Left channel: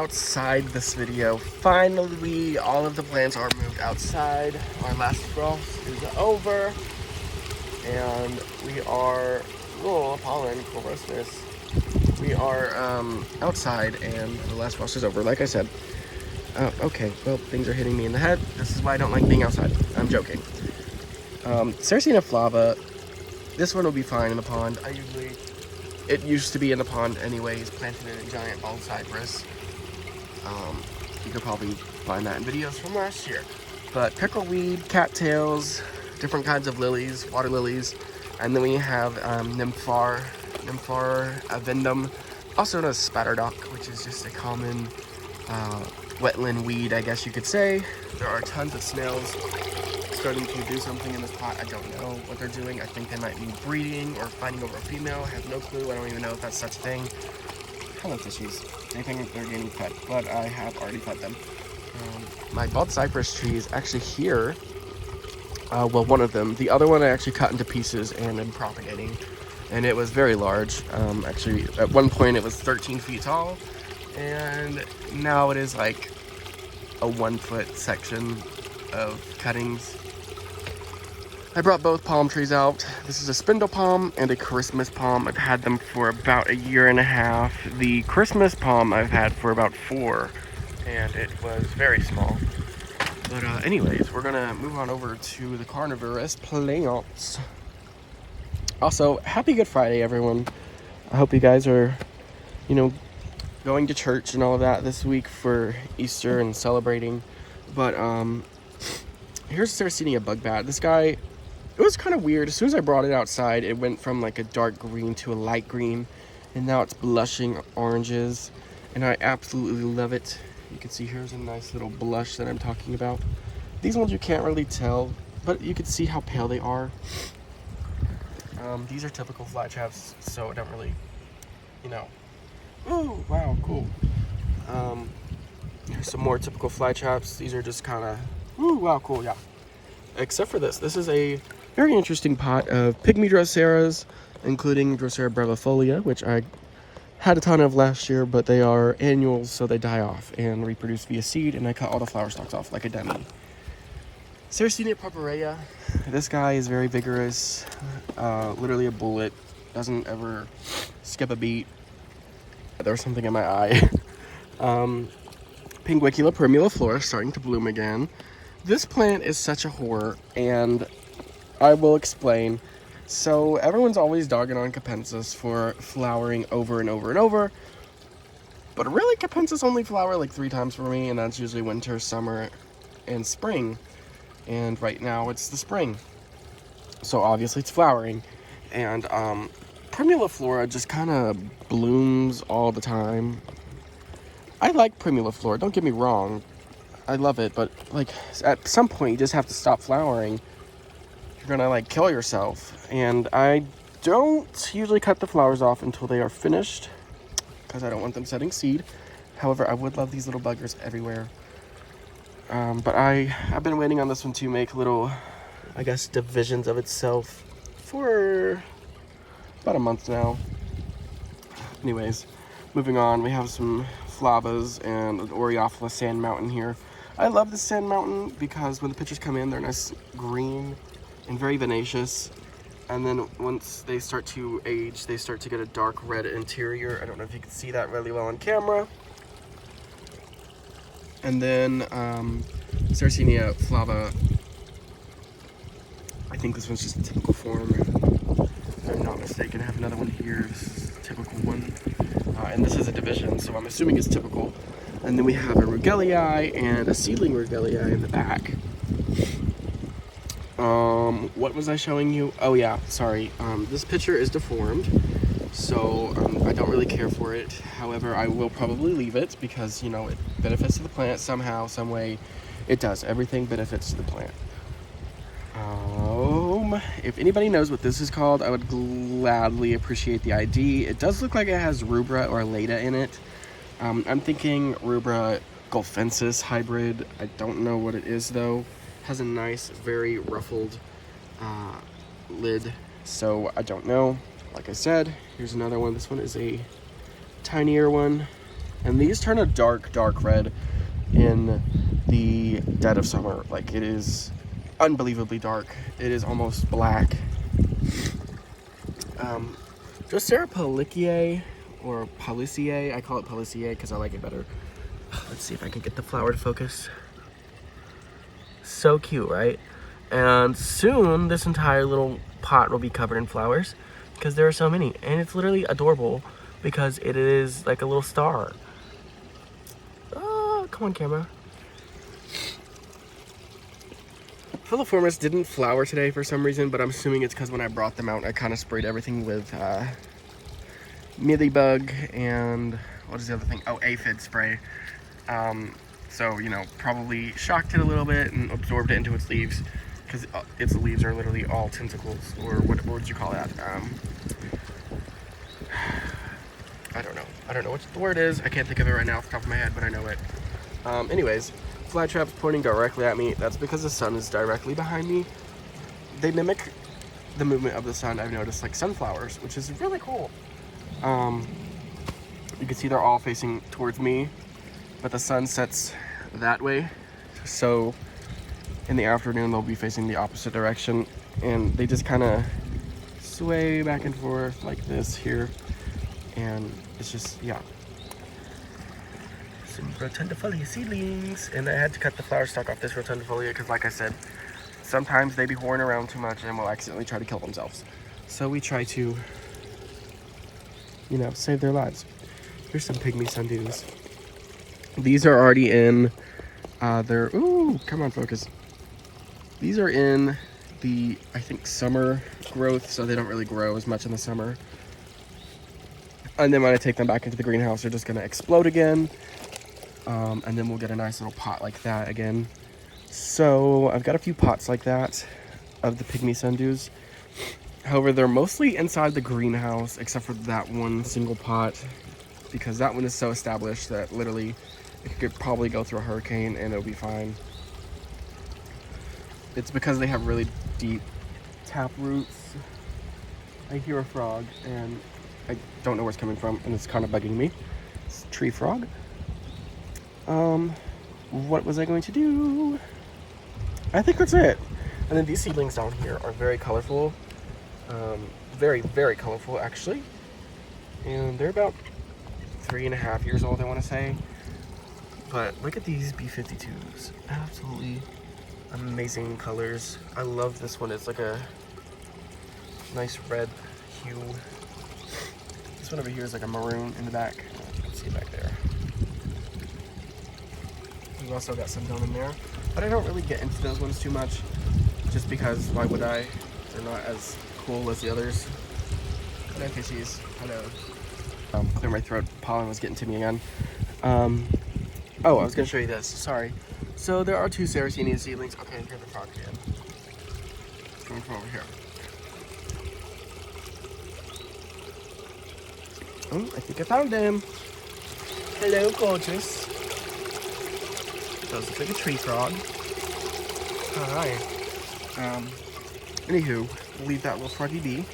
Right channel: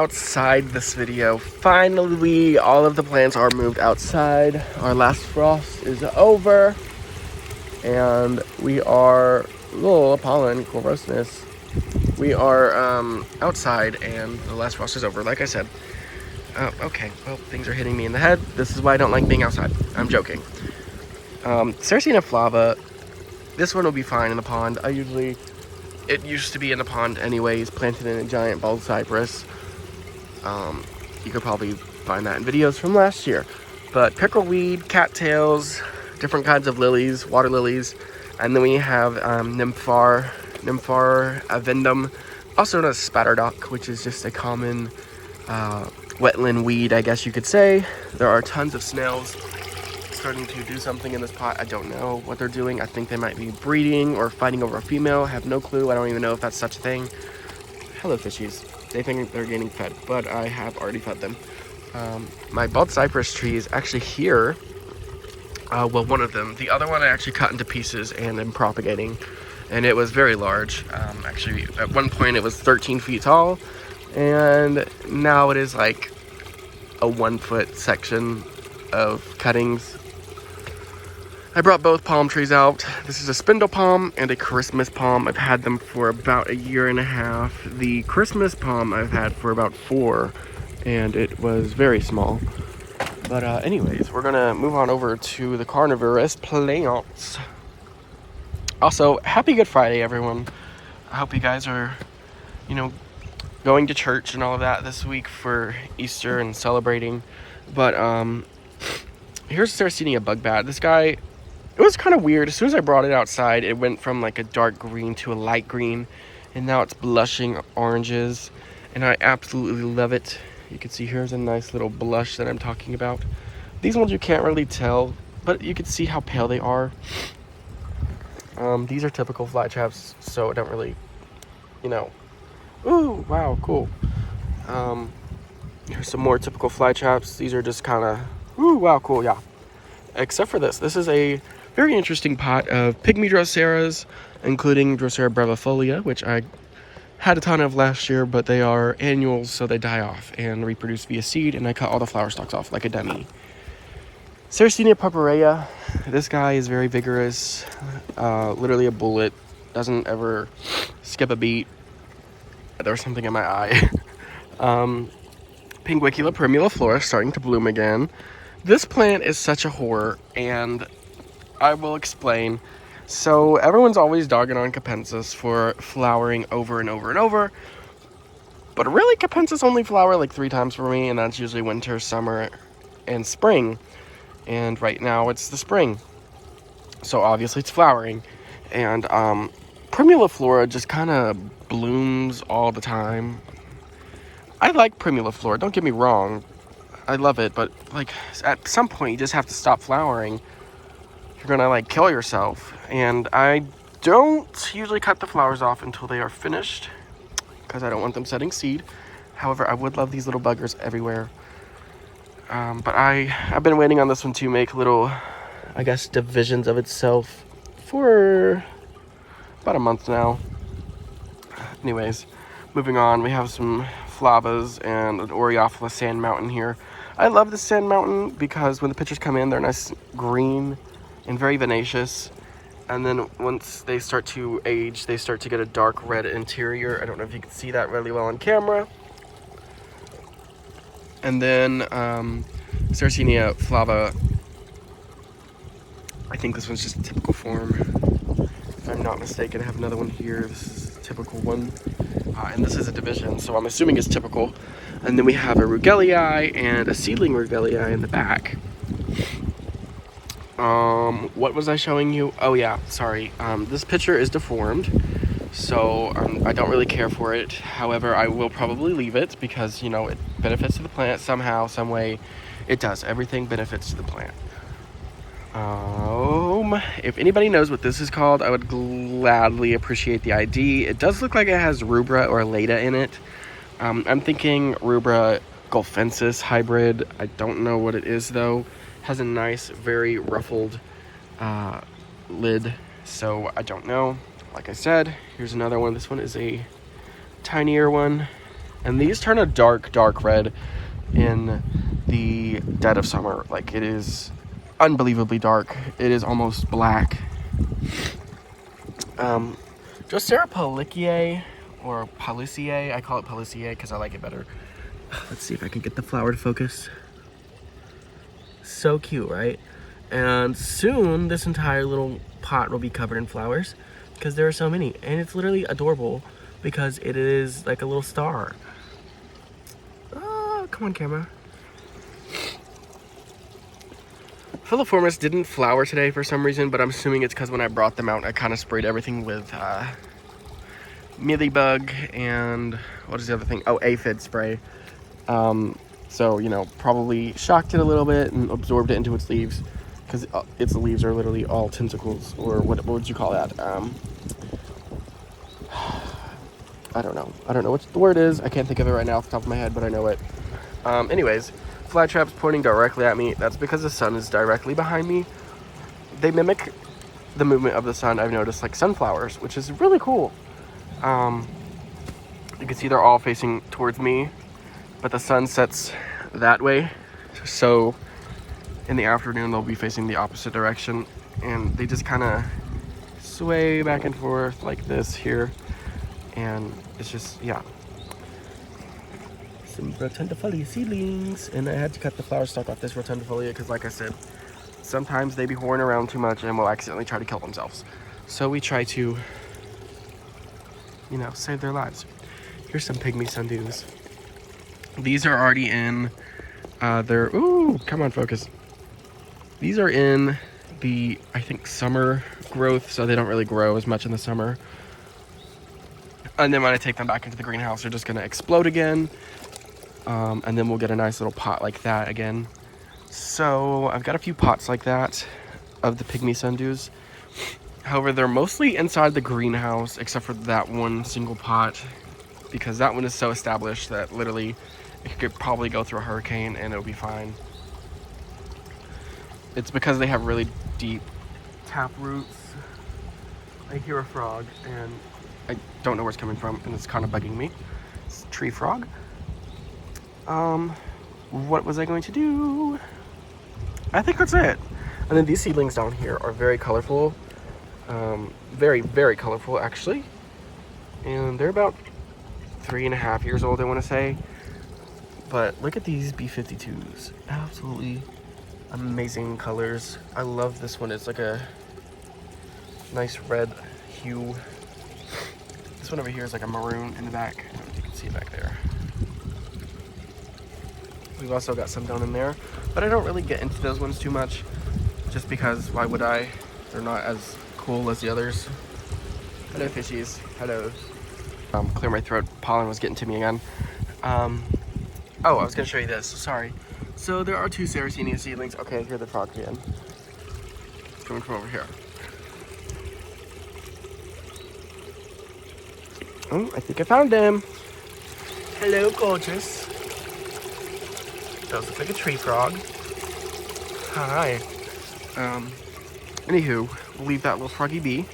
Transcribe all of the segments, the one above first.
Outside this video. Finally, all of the plants are moved outside. Our last frost is over. And we are, oh, pollen, grossness. We are outside and the last frost is over, like I said. Okay, well, things are hitting me in the head. This is why I don't like being outside. I'm joking. Sarracenia flava, this one will be fine in the pond. It used to be in the pond anyways, planted in a giant bald cypress. You could probably find that in videos from last year. But pickleweed, cattails, different kinds of lilies, water lilies, and then we have Nymphar avendum, also known as spatterdock, which is just a common wetland weed, I guess you could say. There are tons of snails starting to do something in this pot. I don't know what they're doing. I think they might be breeding or fighting over a female. I have no clue. I don't even know if that's such a thing. Hello, fishies. They think they're getting fed, but I have already fed them. My bald cypress tree is actually here. Well, one of them. The other one I actually cut into pieces and am propagating. And it was very large. Actually, at one point it was 13 feet tall. And now it is like a 1 foot section of cuttings. I brought both palm trees out. This is a spindle palm and a Christmas palm. I've had them for about a year and a half. The Christmas palm I've had for about 4, and it was very small. But anyways, we're gonna move on over to the carnivorous plants. Also, happy Good Friday, everyone. I hope you guys are, going to church and all of that this week for Easter and celebrating. But here's Sarracenia bug bat. This guy, it was kind of weird. As soon as I brought it outside, it went from like a dark green to a light green, and now it's blushing oranges, and I absolutely love it. You can see here's a nice little blush that I'm talking about. These ones you can't really tell, but you can see how pale they are. These are typical fly traps, so I don't really, Ooh, wow, cool. Here's some more typical fly traps. These are just kind of, ooh, wow, cool, yeah. Except for this. This is a very interesting pot of pygmy Droseras, including Drosera brevifolia, which I had a ton of last year, but they are annuals, so they die off and reproduce via seed, and I cut all the flower stalks off like a dummy. Sarracenia purpurea. This guy is very vigorous, literally a bullet, doesn't ever skip a beat. There was something in my eye. Pinguicula primuliflora starting to bloom again. This plant is such a horror, and I will explain. So everyone's always dogging on Capensis for flowering over and over and over, but really Capensis only flower like 3 times for me, and that's usually winter, summer, and spring. And right now it's the spring, so obviously it's flowering. And primuliflora just kind of blooms all the time. I like primuliflora, don't get me wrong, I love it, but like at some point you just have to stop flowering. You're gonna like kill yourself. And I don't usually cut the flowers off until they are finished, because I don't want them setting seed. However, I would love these little buggers everywhere. But I've been waiting on this one to make little, I guess, divisions of itself for about a month now. Anyways, moving on, we have some flavas and an Oreophila sand mountain here. I love the sand mountain because when the pictures come in, they're nice green and very vivacious. And then once they start to age, they start to get a dark red interior. I don't know if you can see that really well on camera. And then Sarracenia flava, I think this one's just a typical form. If I'm not mistaken, I have another one here. This is a typical one. And this is a division, so I'm assuming it's typical. And then we have a Rugelii and a seedling Rugelii in the back. What was I showing you? Oh yeah, sorry. This picture is deformed, so I don't really care for it. However, I will probably leave it because, it benefits to the plant somehow, some way. It does. Everything benefits to the plant. If anybody knows what this is called, I would gladly appreciate the ID. It does look like it has rubra or leda in it. I'm thinking rubra golfensis hybrid. I don't know what it is though. Has a nice, very ruffled lid, so I don't know. Like I said, here's another one. This one is a tinier one. And these turn a dark, dark red in the dead of summer. Like, it is unbelievably dark. It is almost black. Drosera pollicae, or pollicae. I call it pollicae because I like it better. Let's see if I can get the flower to focus. So cute, right? And soon this entire little pot will be covered in flowers because there are so many. And it's literally adorable because it is like a little star. Oh, come on, camera. Filiformis didn't flower today for some reason, but I'm assuming it's because when I brought them out, I kind of sprayed everything with mealybug and what is the other thing? Oh, aphid spray. So, you know, probably shocked it a little bit and absorbed it into its leaves because its leaves are literally all tentacles, or what would you call that? I don't know. I don't know what the word is. I can't think of it right now off the top of my head, but I know it. Anyways, flytraps pointing directly at me. That's because the sun is directly behind me. They mimic the movement of the sun, I've noticed, like sunflowers, which is really cool. You can see they're all facing towards me, but the sun sets that way. So in the afternoon, they'll be facing the opposite direction, and they just kind of sway back and forth like this here. And it's just, yeah. Some rotundifolia seedlings, and I had to cut the flower stalk off this rotundifolia because, like I said, sometimes they be whoring around too much and will accidentally try to kill themselves. So we try to, you know, save their lives. Here's some pygmy sundews. These are already in their, ooh, come on, focus. These are in the, I think, summer growth, so they don't really grow as much in the summer. And then when I take them back into the greenhouse, they're just gonna explode again. And then we'll get a nice little pot like that again. So I've got a few pots like that of the pygmy sundews. However, they're mostly inside the greenhouse, except for that one single pot, because that one is so established that literally it could probably go through a hurricane and it'll be fine. It's because they have really deep tap roots. I hear a frog and I don't know where it's coming from, and it's kind of bugging me. It's a tree frog. What was I going to do? I think that's it. And then these seedlings down here are very colorful. Very, very colorful, actually. And they're about 3.5 years old, I want to say. But look at these B52s. Absolutely amazing colors. I love this one. It's like a nice red hue. This one over here is like a maroon in the back. I don't know if you can see it back there. We've also got some down in there, but I don't really get into those ones too much, just because why would I? They're not as cool as the others. Hello, fishies. Hello. Clear my throat. Pollen was getting to me again. Oh, I was gonna show you this. Sorry. So there are 2 Sarracenia seedlings. Okay, I hear the frog again. It's coming from over here. Oh, I think I found them. Hello, gorgeous. Those look like a tree frog. Hi. Anywho, we'll leave that little froggy be.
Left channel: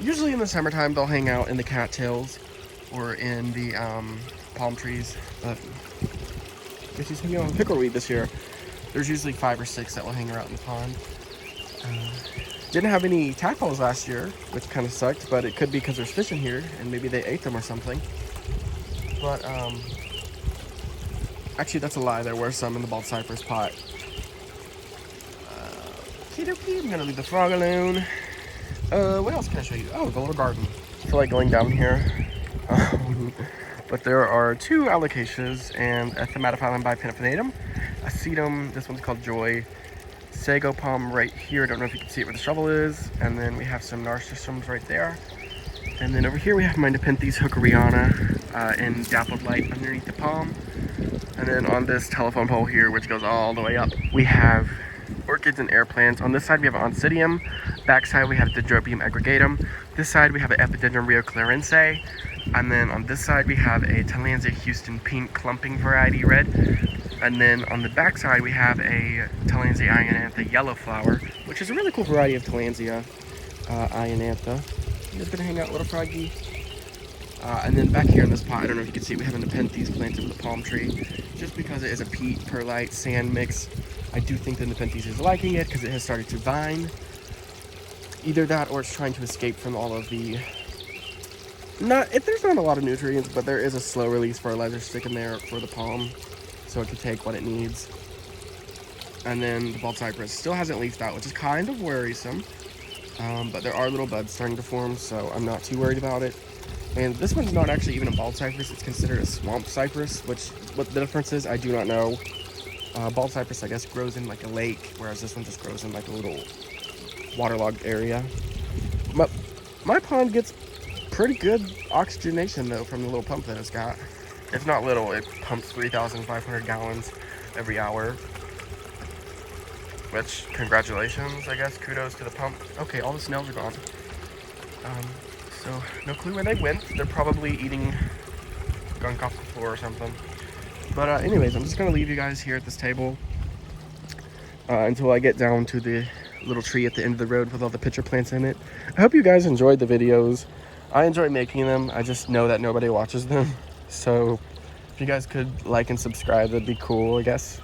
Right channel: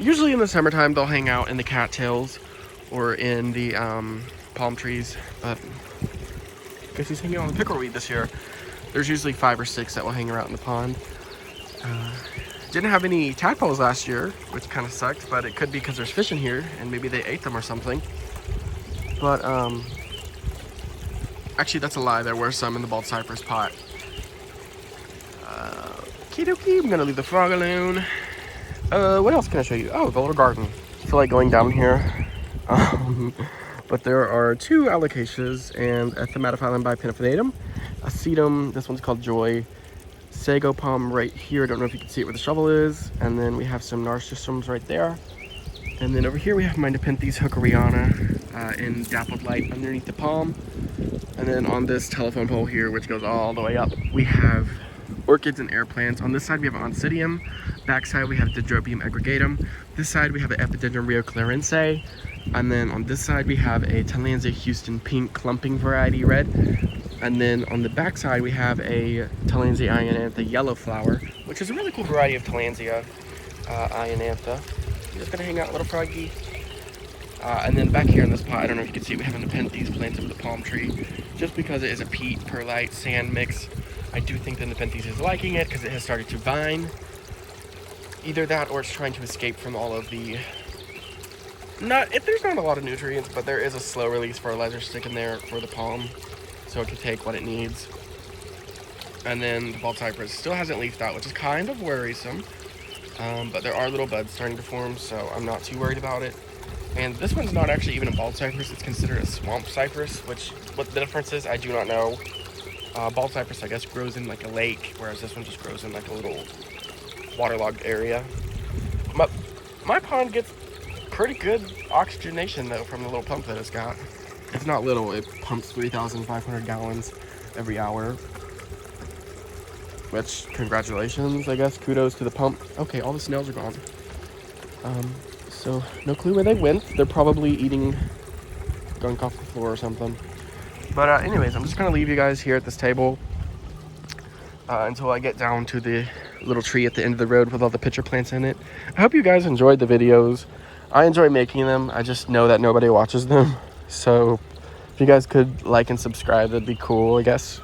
Usually in the summertime, they'll hang out in the cattails or in the palm trees, but I guess he's hanging out with pickleweed this year. There's usually 5 or 6 that will hang around in the pond. Didn't have any tadpoles last year, which kind of sucked, but it could be because there's fish in here and maybe they ate them or something. But actually, that's a lie. There were some in the bald cypress pot. I'm gonna leave the frog alone. What else can I show you? Oh, the little garden. I feel like going down here. But there are 2 alocasias and a Thaumatophyllum bipinnatifinatum, a sedum. This one's called Joy. Sago palm right here. I don't know if you can see it where the shovel is. And then we have some narcissisms right there. And then over here we have my Nepenthes hookeriana in dappled light underneath the palm. And then on this telephone pole here, which goes all the way up, we have orchids and air plants. On this side we have Oncidium. Back side we have Dendrobium aggregatum. This side we have an Epidendrum rio clarense. And then on this side we have a Tillandsia Houston pink clumping variety red. And then on the back side we have a Tillandsia ionantha yellow flower, which is a really cool variety of Tillandsia ionantha. I'm just gonna hang out, little froggy. And then back here in this pot, I don't know if you can see, we have Nepenthes planted with the palm tree. Just because it is a peat, perlite, sand mix, I do think the Nepenthes is liking it because it has started to vine. Either that or it's trying to escape from all of the... there's not a lot of nutrients, but there is a slow release fertilizer stick in there for the palm, so it can take what it needs. And then the bald cypress still hasn't leafed out, which is kind of worrisome. But there are little buds starting to form, so I'm not too worried about it. And this one's not actually even a bald cypress, it's considered a swamp cypress, which, what the difference is, I do not know. Bald cypress, I guess, grows in like a lake, whereas this one just grows in like a little waterlogged area. My pond gets pretty good oxygenation though from the little pump that it's got. It's not little, it pumps 3,500 gallons every hour. Which, congratulations, I guess, kudos to the pump. Okay, all the snails are gone. So, no clue where they went. They're probably eating gunk off the floor or something. But anyways, I'm just gonna leave you guys here at this table until I get down to the little tree at the end of the road with all the pitcher plants in it. I hope you guys enjoyed the videos. I enjoy making them. I just know that nobody watches them. So if you guys could like and subscribe, that'd be cool, I guess.